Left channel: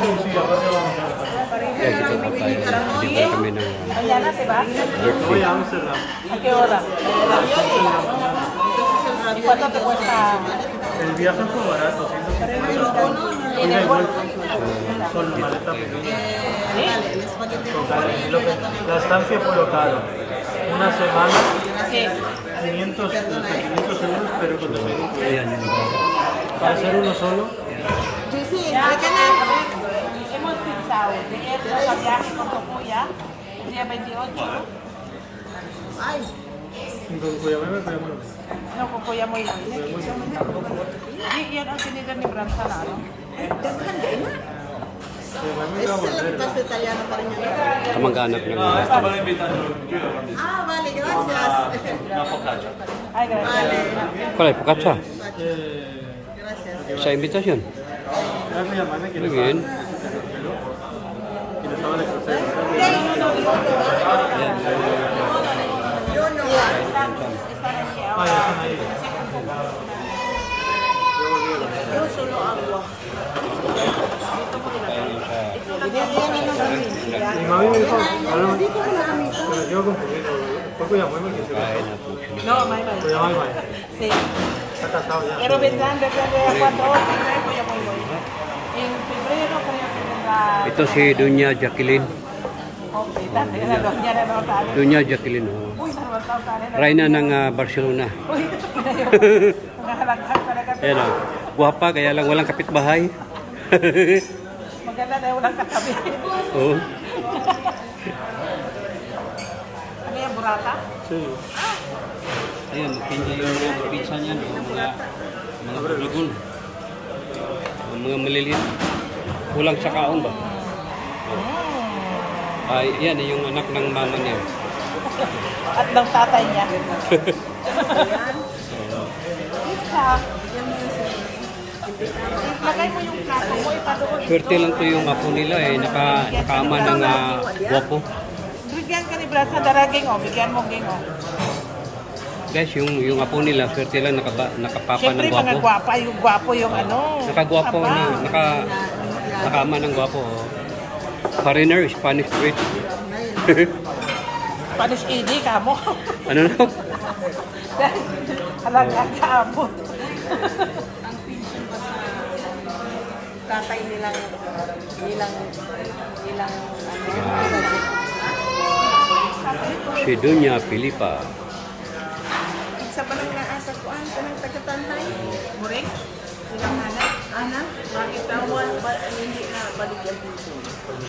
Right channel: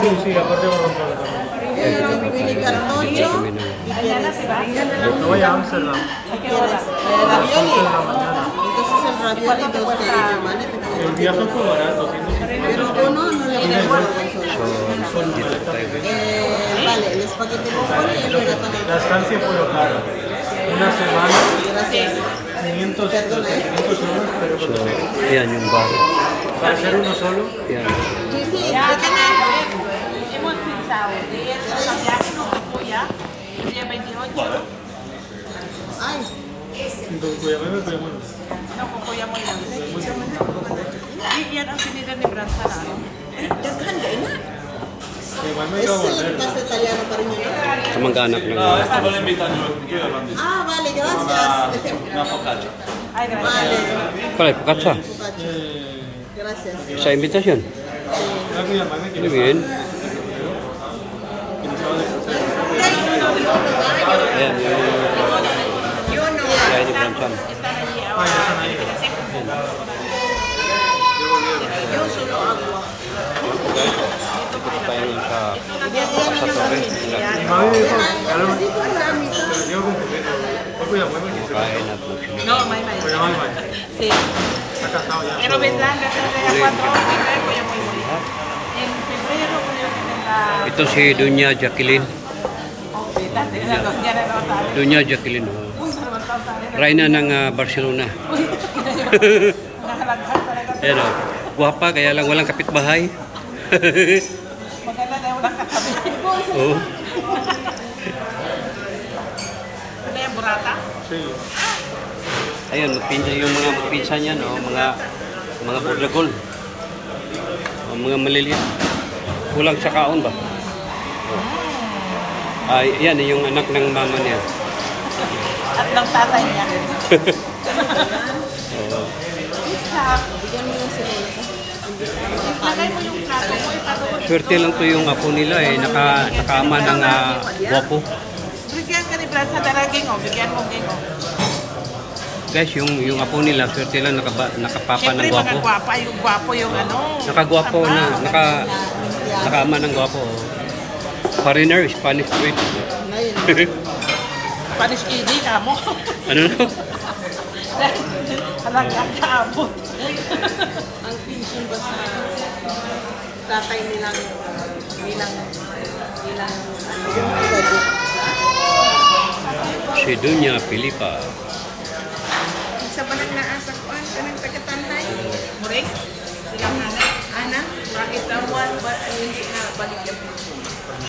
Sí, sí, aparte va con todo también. Yan, dito po tayo. Dito kami ng Voy a Amsterdam. El viaje fue barato, 150. Pero uno no le So, dito po tayo. vale, el espagueti con pollo y el huracán. La estancia fue cara. Una semana, Gracias. 500 euros, pero So, ayan yung bar. para hacer uno solo. Yan. Ay, Y con Cuyamena tenemos. Cuyamena iba a es volver. el pasta italiano, cariño, ¿no? Kamag-anak ng Estaba invitando yo a Bandit. Ah, vale, gracias. Una focaccia. Vale, Pare, pukatsa. gracias. Sa invitasyon. Era Cuyamena quien Muy bien. estaba de crucero. Ayan, yung kaya ni Franchan. Ah, ya están ahí. Guys, dito po tayo ngayon sa Torre. Pero digo con poquito. Es Cuyamena. Kumakain at magsimula. Pero no hay baño. Está casado ya. So, ito si Dunya Jacqueline. Dunya Jacqueline. Oh. Reyna ng Barcelona. Ayan o. Guwapa, kaya lang walang kapitbahay. Maganda na walang katabi. Oo. Ano yung burata? Sí. Ayun, yung mga pinsa niya, no? Mga buragol. Mga maliliit. Kulang sa kaon ba? Yan, yung anak ng mama niya. At ng tatay niya. Oo. Lagay mo yung plato mo. Swerte lang to yung apo nila eh. Nakaama ng guwapo. Bigyan ka ni Brad sa daraging o. Bigyan mo ging o. Guys, yung apo nila, swerte lang nakapapa ng Siyempre guwapo. mga gwapo yung ano. Nakagwapo na, nakaama ng guwapo. Oh. Foreigner, Spanish street. Spanish ED ka mo. Ano no? Alaga ka abot. Ang pension ba sa tatay nilang Si Dunya Filipa. sa balik na asa ko kaming pagkatanay. Muring? Silang anak. Ana, bakit tawal ba hindi na balik yan?